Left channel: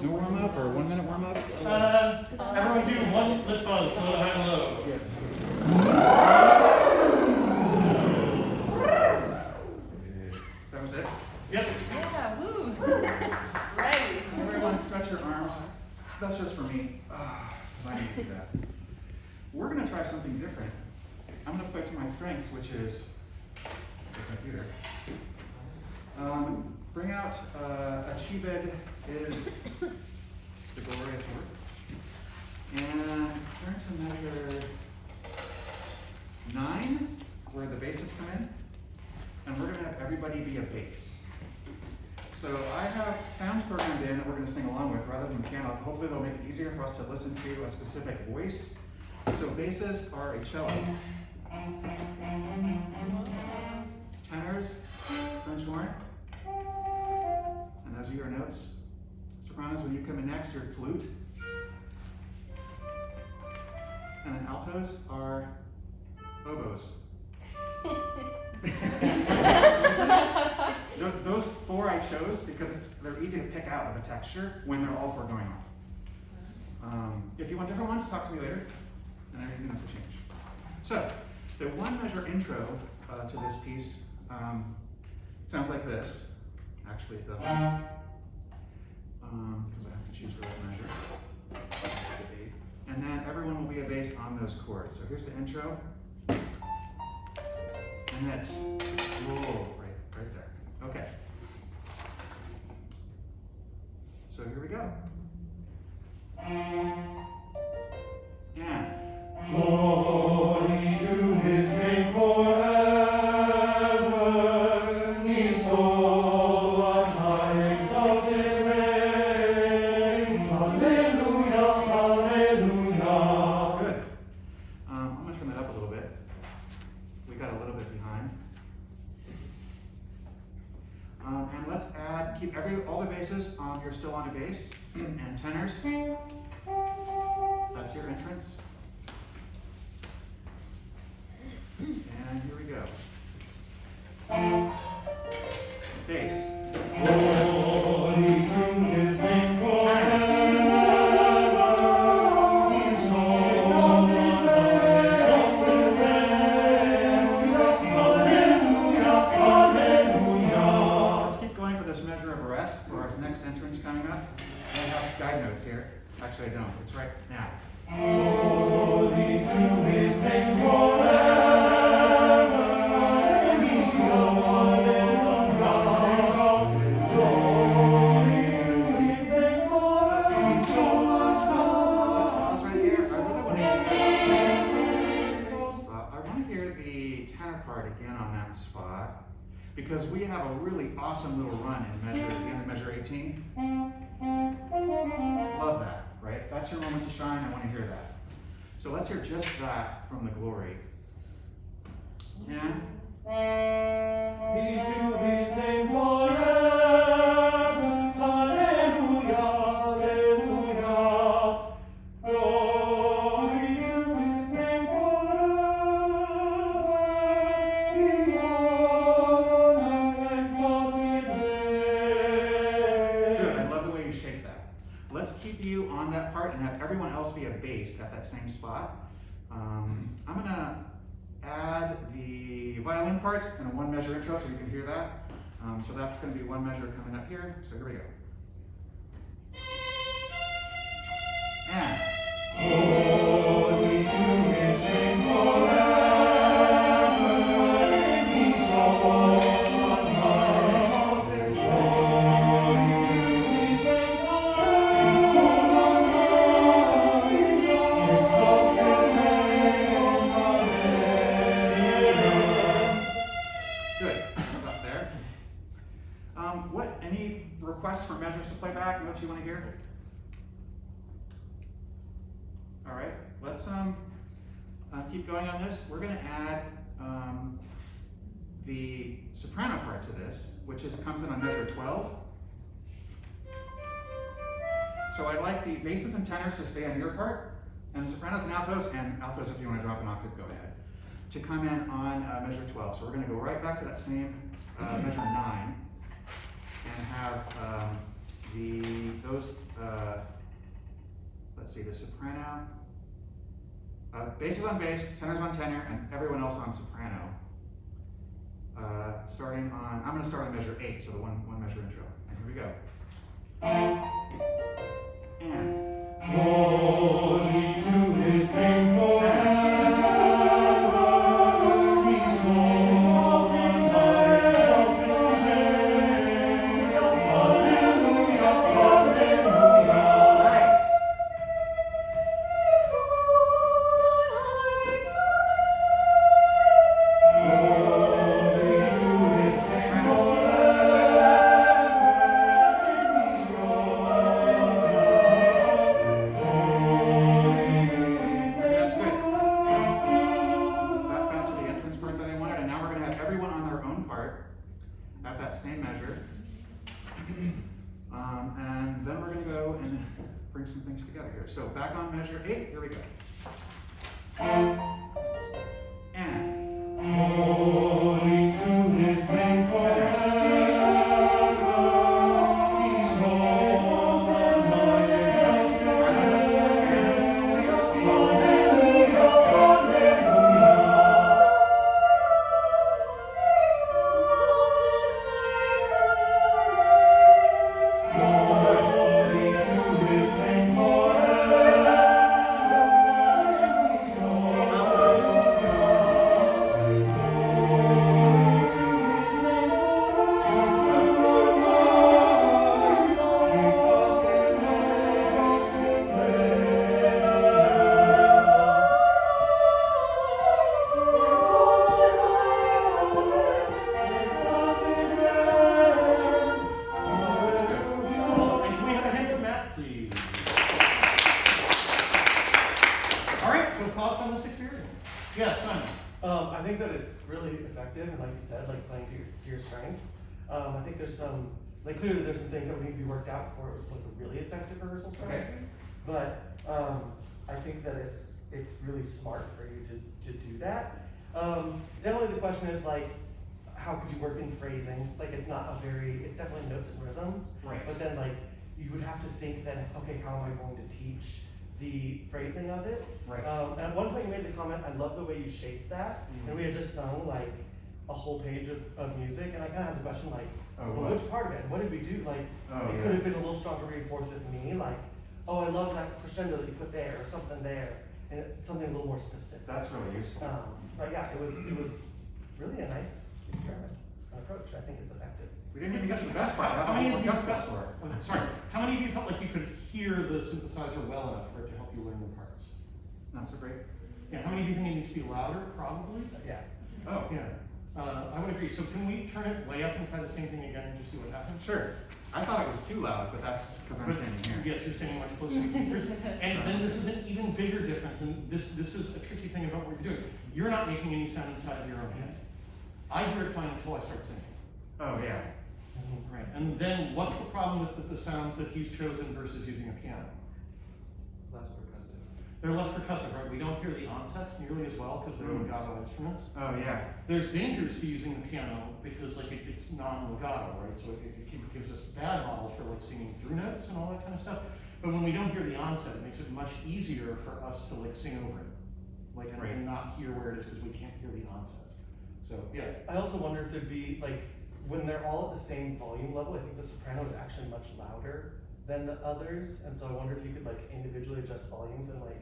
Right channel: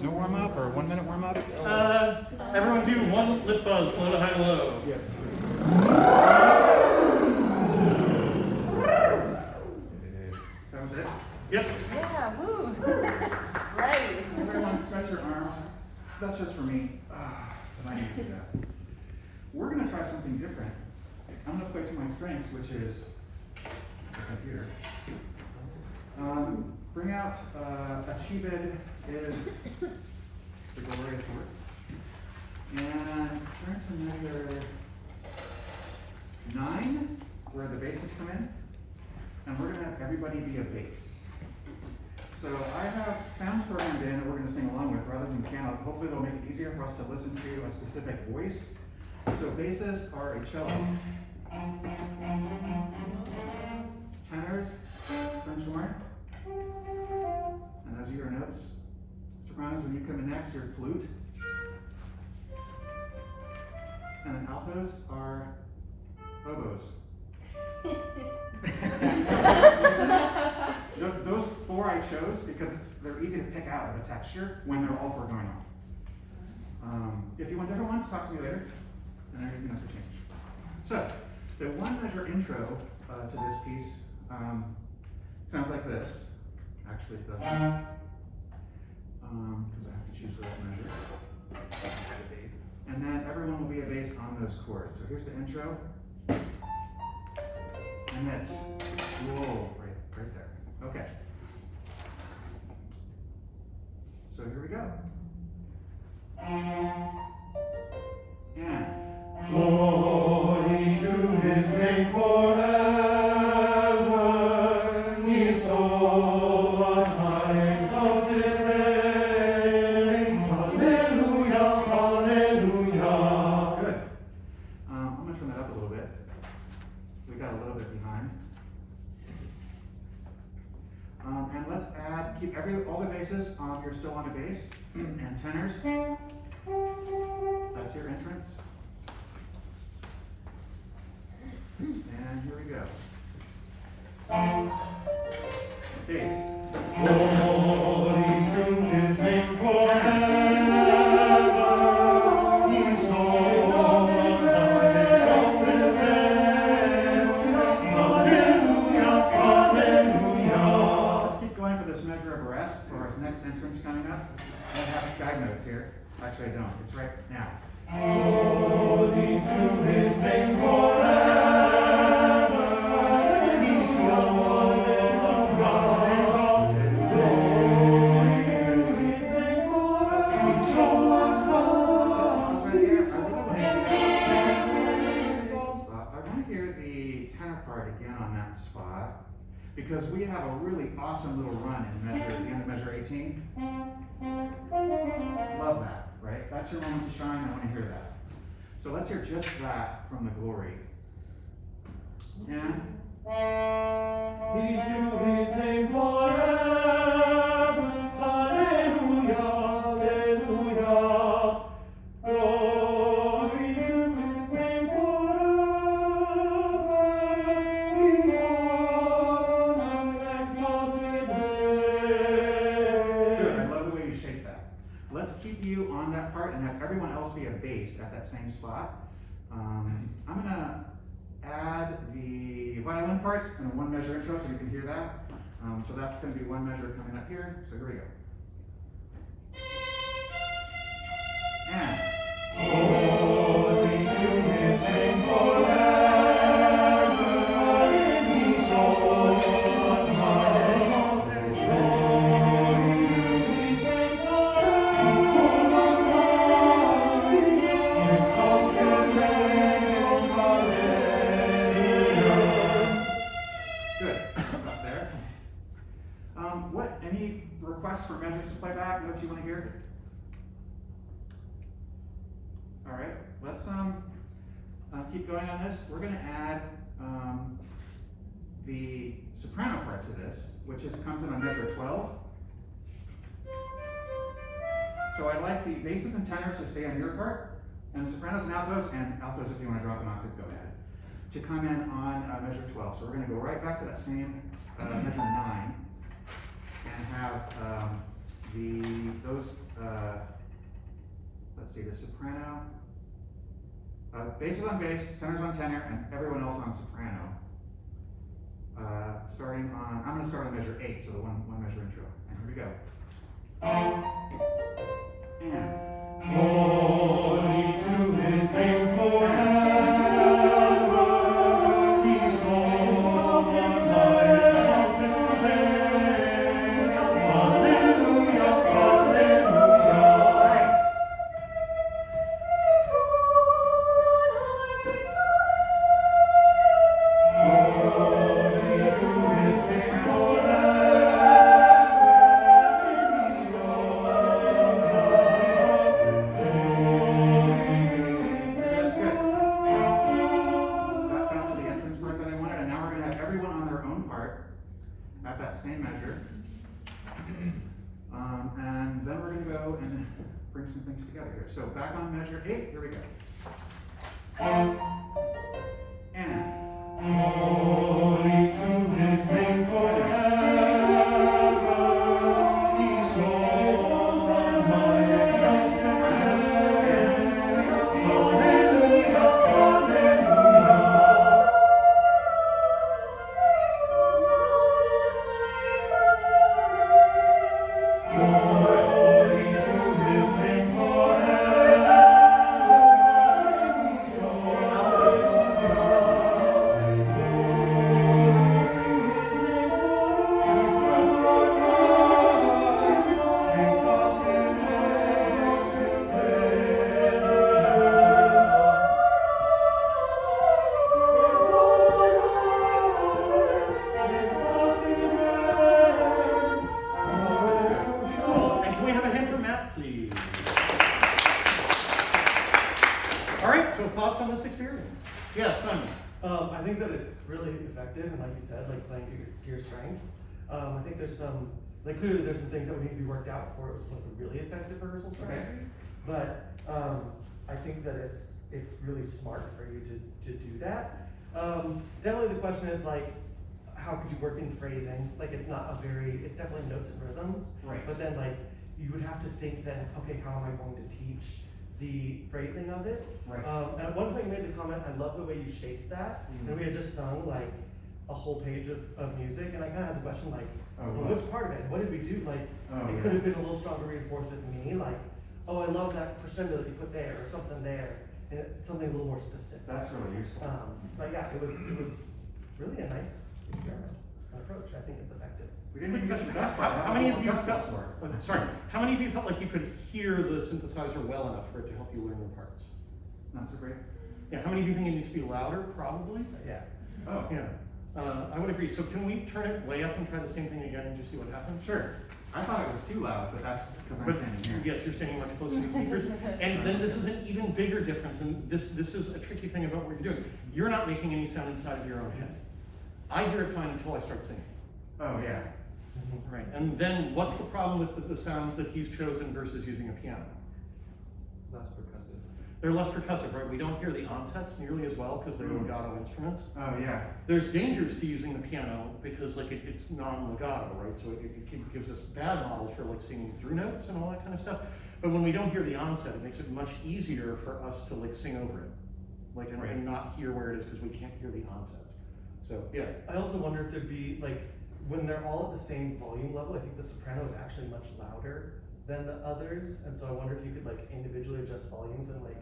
You warm up or 1 minute warm up? Everyone do one lip buzz, low, high, low. Yeah. That was it? Yep. Yeah, woo. Ready. Everyone stretch your arms. That's just for me. I need to do that. We're going to try something different. I'm going to play to my strengths, which is the computer. Bring out Achieved is the glorious work. And turn to measure 9, where the basses come in. And we're going to have everybody be a bass. So I have sounds programmed in that we're going to sing along with rather than piano. Hopefully they'll make it easier for us to listen to a specific voice. So basses are a cello. Tenors, French horn. And those are your notes. Sopranos, when you come in next, your flute. And then altos are oboes. Those 4 I chose because they're easy to pick out of the texture when they're all 4 going on. If you want different ones, talk to me later, and they're easy enough to change. So, the 1 measure intro to this piece sounds like this. Actually, it doesn't, because I have to choose the right measure. And then everyone will be a bass on those chords. So here's the intro. And that's whoa, right there. Okay. So here we go. And Glory to his name forever. His soul on high exalted reigns. Hallelujah, hallelujah. good. I'm going to trim that up a little bit. We got a little bit behind. And let's keep all the basses on. You're still on a bass. And tenors. That's your entrance. And here we go. Bass. Glory to his name forever. His soul on high exalted reigns. Hallelujah, hallelujah. Let's keep going for this measure of arrest for our next entrance coming up. I have guide notes here. Actually, I don't. It's right now. Glory to his name forever. His soul on high exalted. Glory to his name forever. His soul on Pause right here. I really want to hear the tenor part again on that spot, because we have a really awesome little run in measure at the end of measure 18. Love that, right? That's your moment to shine. I want to hear that. So let's hear just that from the glory. And Be to his name forever. Hallelujah, hallelujah. Glory to his name forever. His soul on high exalted reigns. good. I love the way you shape that. Let's keep you on that part and have everyone else be a bass at that same spot. I'm going to add the violin parts in a 1 measure intro so you can hear that. So that's going to be 1 measure coming up here. So here we go. And Glory to his name forever. His soul on high exalted. Glory to his name forever. His soul on high exalted reigns. Hallelujah. good. Up there. Any requests for measures to play back? What you want to hear? All right, let's keep going on this. We're going to add the soprano part to this, which comes in on measure 12. So I'd like the basses and tenors to stay on your part, and the sopranos and altos if you want to drop an octave, go ahead, to come in on measure 12. So we're going to go right back to that same measure 9. have let's see, the soprano, basses on bass, tenors on tenor, and everyone else on soprano. Starting on, I'm going to start on measure 8, so the one measure intro. And here we go. And. Glory to his name forever. He soars in the exalted name. Hallelujah, hallelujah. Nice. That's good. That got to the entrance part that I wanted, and now we're going to have everyone on their own part at that same measure. And then we're going to go and bring some things together here. So back on measure 8, here we go. And. Glory to his name forever. He soars in the exalted name. Hallelujah, hallelujah. Glory to his name forever. And can we have a hand for Matt, please? All right, so thoughts on this experience? Yeah, Simon. I think that it's really effective, and like you said, like playing to your strengths. I think there's some, like clearly there's some things that would need to be worked out before it was like a really effective rehearsal strategy. But I think that it's really smart for you to do that. Definitely the question is like, how could you work in phrasing? Like it's definitely notes and rhythms. Right. But then like you would have to think then, okay, how am I going to teach the phrasing of it? Right. And at one point you made the comment, I love the way you shaped that. Mhm. And we had just sung like a whole page of music, and I kind of had the question like, Oh, well, what? which part of it? What did we do? Like, Oh, it yeah. could have been a little stronger reinforced with me, like, oh, I love that crescendo that you put there, or something there, and something a little more specific. That's really useful. But yeah, it was really a nice experiment and approach. I think it's effective. We didn't even get to the best part. How many of you Justice felt, for it. sorry, how many of you felt like you could hear the synthesizer well enough for it to help you learn the parts? Not so great. Yeah, how many of you think it needs to be louder? Probably. Yeah. Oh, Yeah, I would agree. So can we turn it way up and try the same thing again and just see what happens? sure. I thought it was too loud, but that's because I'm But standing here. yes, you're standing much closer to the speakers. And then this is an even bigger difference, and this is a tricky thing about what you're doing. You're not making any sound inside of your own head. I hear it fine until I start singing. Oh, yeah. Right, and then what's the problem with the sounds that he's chosen versus using a piano? Less percussive. They're less percussive, right? We don't hear the onsets nearly as well because they're legato instruments. Oh, yeah. There's dangers to using the piano because like it's non-legato, right? So it gives us bad models for like singing through notes and all that kind of stuff. But when we don't hear the onset, it makes it much easier for us to like sing over it, like and, Right. and not hear where it is because we can't hear the onsets. So yeah. I also wonder if there'd be like, when they're all at the same volume level, I think the soprano is actually much louder than the others, and so I wonder if you could like individually adjust volumes and like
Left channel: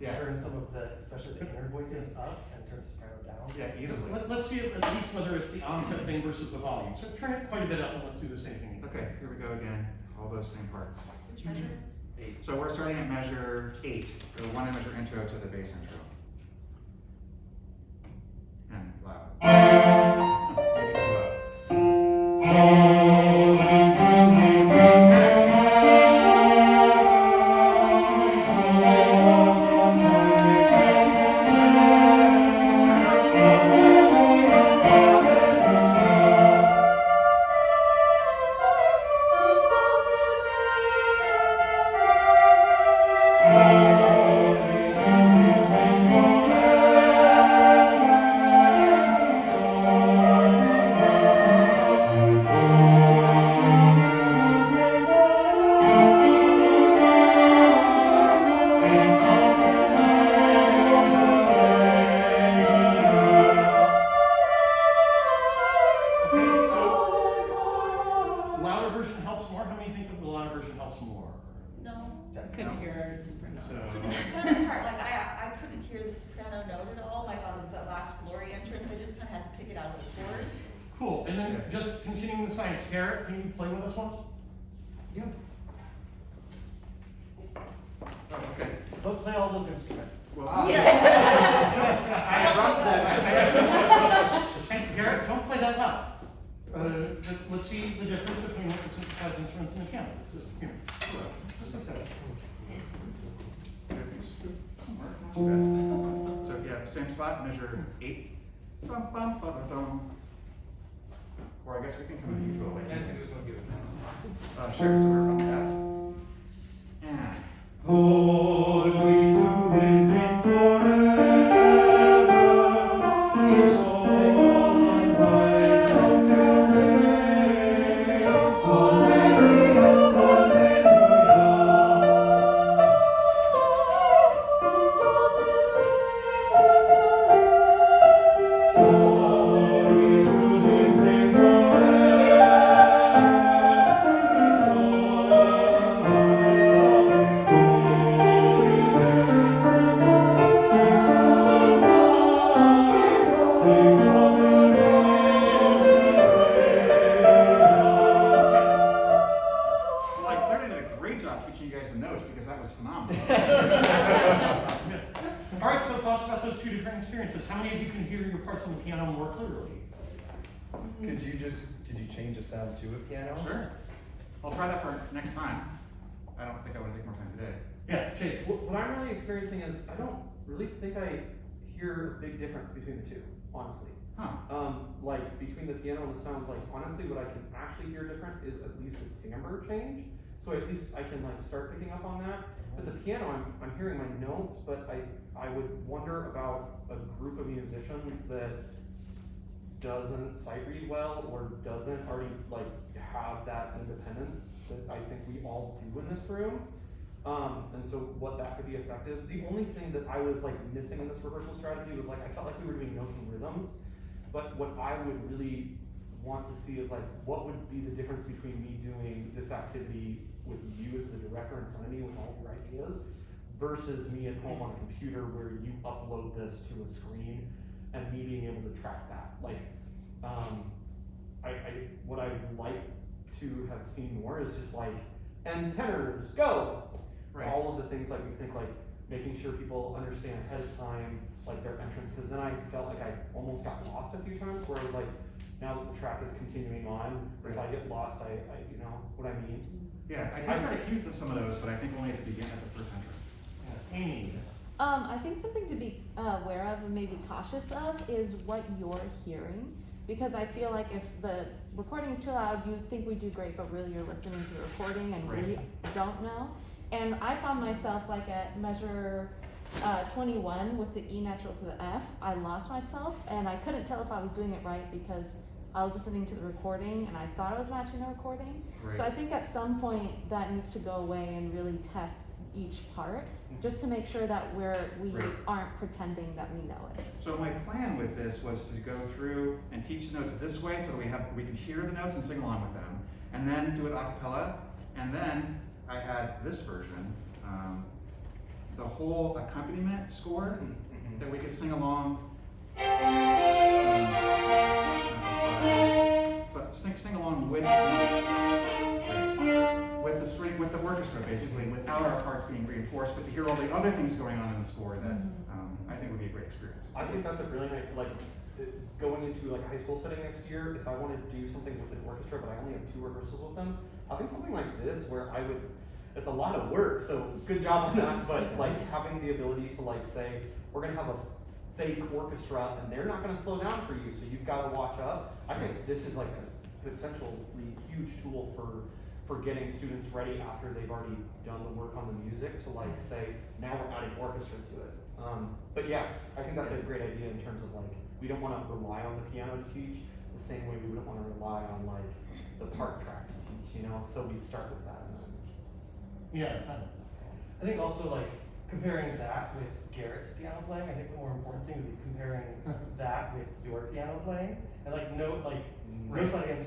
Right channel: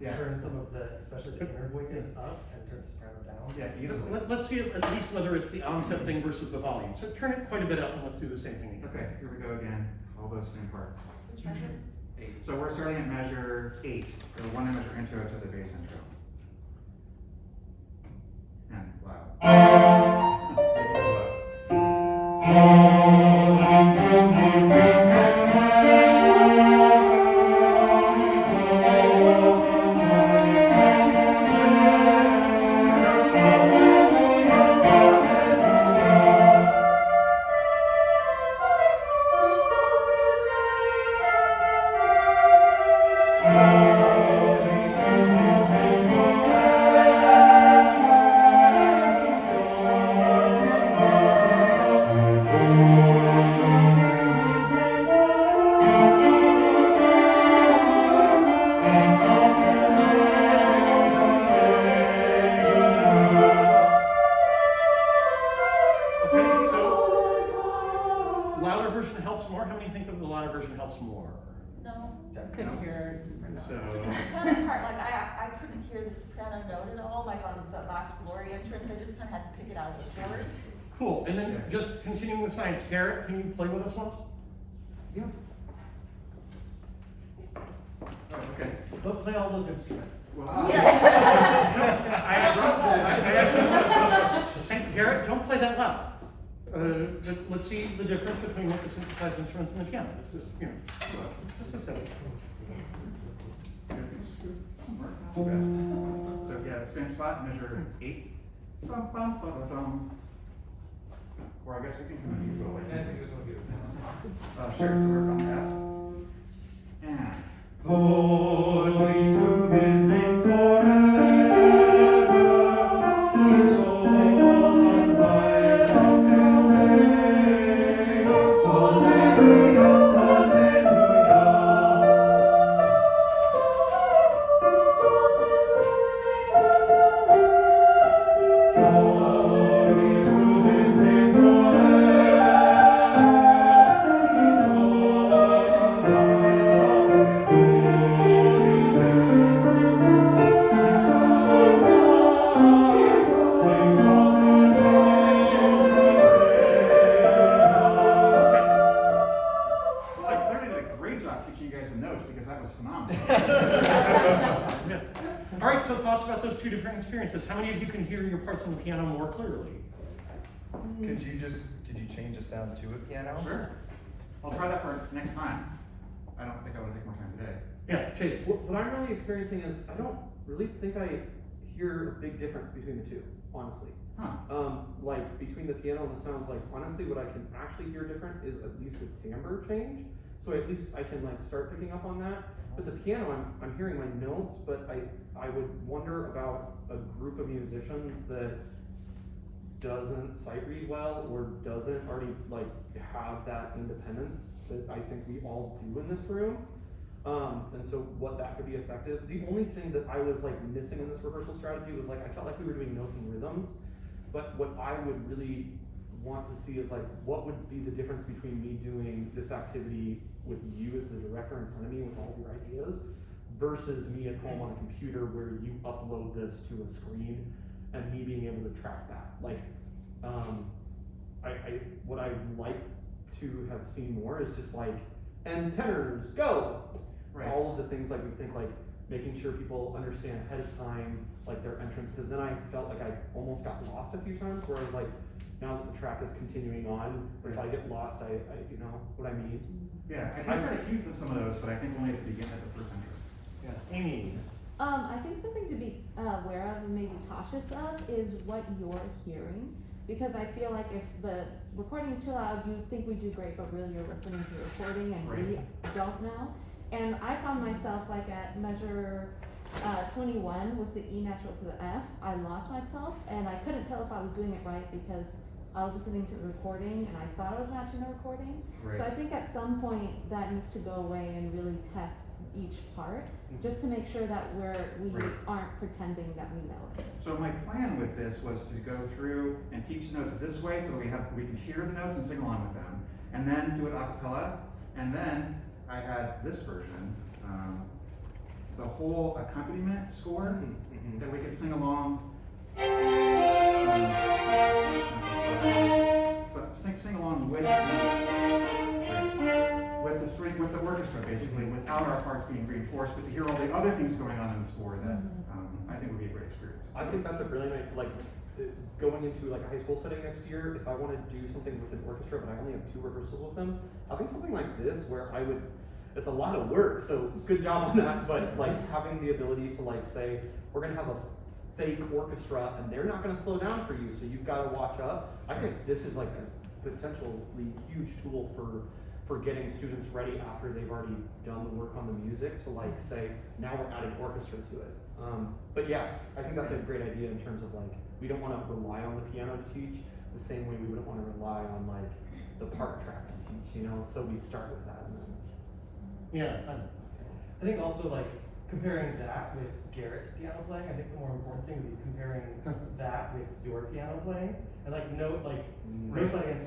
Yeah. turn some of the, especially the inner voices up and turn the soprano down. Yeah, easily. Let's see at least whether it's the onset thing versus the volume. So turn it quite a bit up and let's do the same thing again. Okay, here we go again. All those same parts. Which measure? So we're starting at measure 8, the one measure intro to the bass intro. And loud. Maybe too low. Hallelujah. version helps more? How many think that the live version helps more? No. Couldn't hear it. So, The soprano part, like I couldn't hear the soprano note at all, like on the last glory entrance, I just kinda had to pick it out of the chords. cool, and then just continuing the science, Garrett, can you play with us once? Yeah. Oh, okay. But play all those instruments. Well, And Garrett, don't play that loud. Let's see the difference between what the synthesized instruments and the piano. This is here. Just a second. So yeah, same spot, measure 8. Bum, bum, ba, da, dum. Or I guess I can come in, you go away. I think this one gives it. Sure, so we're from F. And. Holy to his name forever, his soul exalted rise up to reign. Alleluia, glory to his name Well, I clearly did a great job teaching you guys the notes because that was phenomenal. All right, so thoughts about those two different experiences. How many of you can hear your parts on the piano more clearly? Could you change the sound to a piano? Sure. I'll try that for next time. I don't think I want to take more time today. Yes, Chase. What I'm really experiencing is, I don't really think I hear a big difference between the two, honestly. Huh. Like between the piano and the sounds, like honestly what I can actually hear different is at least a timbre change. So at least I can like start picking up on that. But the piano, I'm hearing my notes, but I would wonder about a group of musicians that doesn't sight read well or doesn't already like have that independence that I think we all do in this room. And so what that could be effective. The only thing that I was like missing in this rehearsal strategy was like I felt like we were doing notes and rhythms, but what I would really want to see is like what would be the difference between me doing this activity with you as the director in front of me with all your ideas versus me at home on a computer where you upload this to a screen and me being able to track that. Like, what I would like to have seen more is just like, and tenors, go! Right. All of the things like we think like making sure people understand ahead of time, like their entrance, because then I felt like I almost got lost a few times, whereas like, now that the track is continuing on, if I get lost, I you know what I mean? Yeah, I did try to cue some of those, but I think only at the beginning, at the first entrance. Yeah. Amy. I think something to be aware of and maybe cautious of is what you're hearing. Because I feel like if the recording is too loud, you think we do great, but really you're listening to the recording and we don't know. And I found myself like at measure 21 with the E natural to the F, I lost myself and I couldn't tell if I was doing it right because I was listening to the recording and I thought I was matching the recording. Right. So I think at some point that needs to go away and really test each part, just to make sure that we aren't pretending that we know it. So my plan with this was to go through and teach the notes this way so that we can hear the notes and sing along with them, and then do it a cappella, and then I had this version, the whole accompaniment score that we could sing along, but sing along with the string, with the orchestra basically, without our parts being reinforced, but to hear all the other things going on in the score that I think would be a great experience. I think that's a brilliant, like, going into like a high school setting next year, if I want to do something with an orchestra, but I only have 2 rehearsals with them, I think something like this where I would, it's a lot of work, so good job on that, but like having the ability to like say, we're gonna have a fake orchestra and they're not gonna slow down for you, so you've gotta watch up. I think this is like a potentially huge tool for getting students ready after they've already done the work on the music to like say, now we're adding orchestra to it. But yeah, I think that's a great idea in terms of like, we don't want to rely on the piano to teach the same way we wouldn't want to rely on like the part track to teach, you know? So we start with that. And then... Yeah. I think also like comparing that with Garrett's piano playing, I think the more important thing would be comparing that with your piano playing. And like note, like, no science,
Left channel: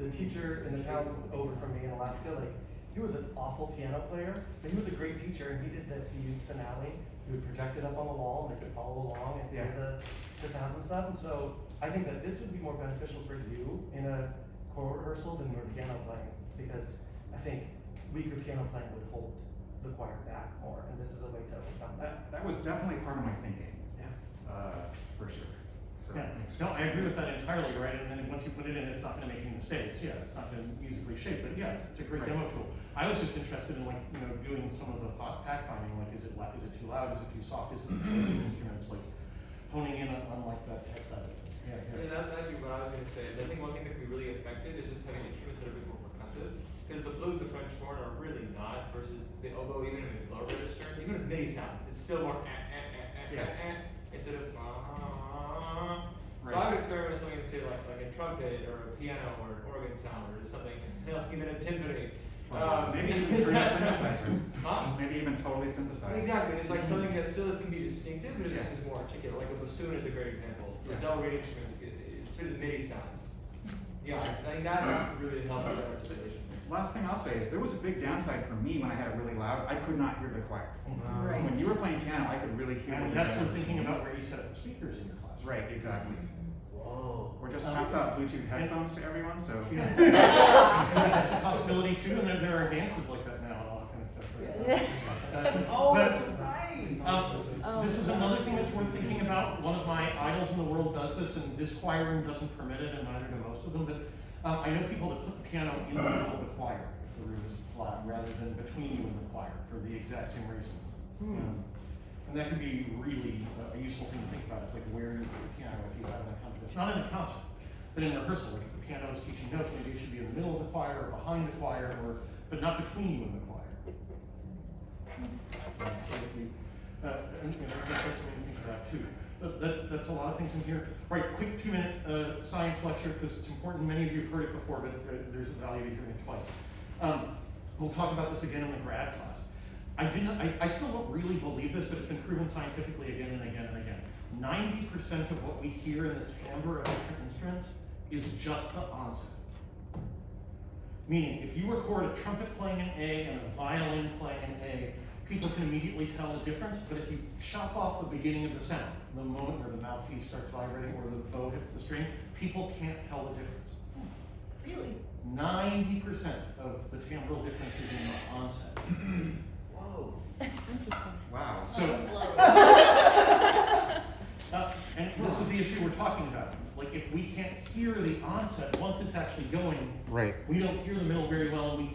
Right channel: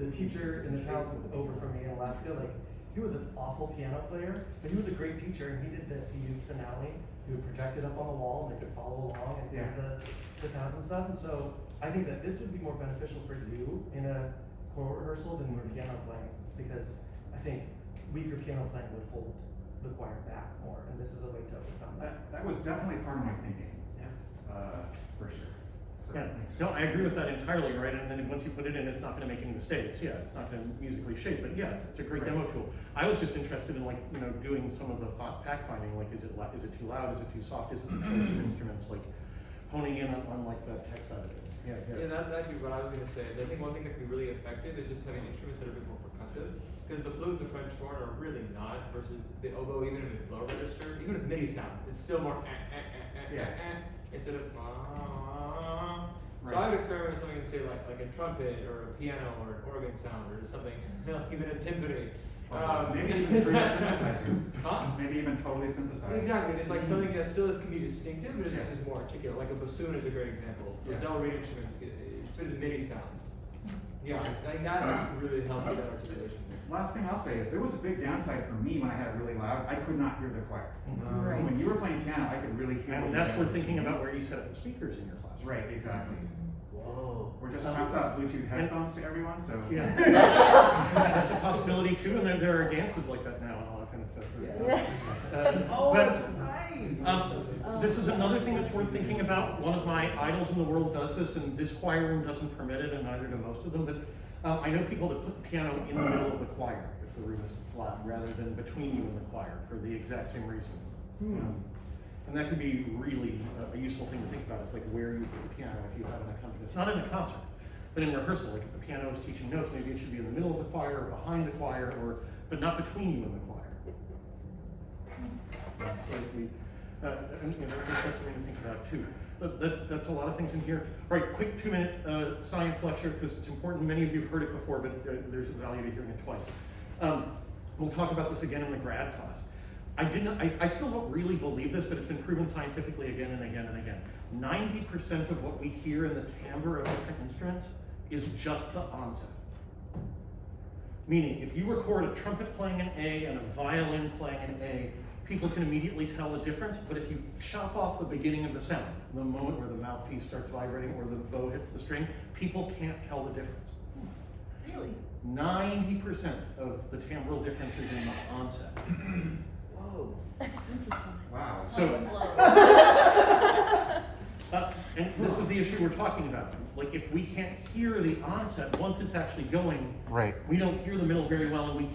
the teacher in the town over from me in Alaska, like, he was an awful piano player, and he was a great teacher, and he did this, he used finale, he would project it up on the wall, and they could follow along and hear the sounds and stuff, and so, I think that this would be more beneficial for you in a choral rehearsal than your piano playing, because I think weaker piano playing would hold the choir back more, and this is a way to overcome that. That was definitely part of my thinking, Yeah. for sure. So Yeah. that makes No, I agree with that entirely, right? And then once you put it in, it's not gonna make any mistakes. Yeah, it's not gonna musically shape, but yeah, it's a great Right. demo tool. I was just interested in like, doing some of the fact finding, like is it too loud, is it too soft, is it too close to the instruments, like honing in on like that tech side of it. Yeah, And that's actually what I was gonna say. I think one thing that can be really effective is just having instruments that are a bit more percussive. Because the flute and the French horn are really not, versus the oboe, even if it's low register, even with MIDI sound, it's still more instead of So I would experiment with something to say like a trumpet or a piano or an organ sound or something, even a timpani. maybe even straight up synthesizer. Huh? Maybe even totally synthesized. Exactly, it's like something that still is gonna be distinctive, but it just Yeah. is more articulate, like a bassoon is a great example. Yeah. Del Rey instruments, it's the MIDI sounds. Yeah, I think that would really help with that articulation. Last thing I'll say is there was a big downside for me when I had it really loud. I could not hear the choir. Right. When you were playing piano, I could really hear. what And you that's guys where were thinking saying. about where you set up the speakers in your class. Right, exactly. Whoa. Or just pass out Bluetooth headphones to everyone, so. Yeah. That's a possibility too, and there are dances like that now and all that kind of stuff. Oh, But, that's right. This is another thing that's worth thinking about. One of my idols in the world does this, and this choir room doesn't permit it, and neither do most of them. But I know people that put the piano in the middle of the choir if the room is flat, rather than between you and the choir for the exact same reason. And that could be really a useful thing to think about. It's like where you put the piano if you have an accompanist. Not in a concert, but in rehearsal. Like if the piano is teaching notes, maybe it should be in the middle of the choir or behind the choir, but not between you and the choir. And there's something to think about too. But that's a lot of things in here. Right, quick 2-minute science lecture because it's important. Many of you have heard it before, but there's a value to hearing it twice. We'll talk about this again in the grad class. I still don't really believe this, but it's been proven scientifically again and again and again. 90% of what we hear in the timbre of different instruments is just the onset. Meaning, if you record a trumpet playing an A and a violin playing an A, people can immediately tell the difference, but if you chop off the beginning of the sound, the moment where the mouthpiece starts vibrating or the bow hits the string, people can't tell the difference. Really? 90% of the timbral difference is in the onset. Whoa. Wow. So, and this is the issue we're talking about. Like, if we can't hear the onset once it's actually going, Right. we don't hear the middle very well, and we can't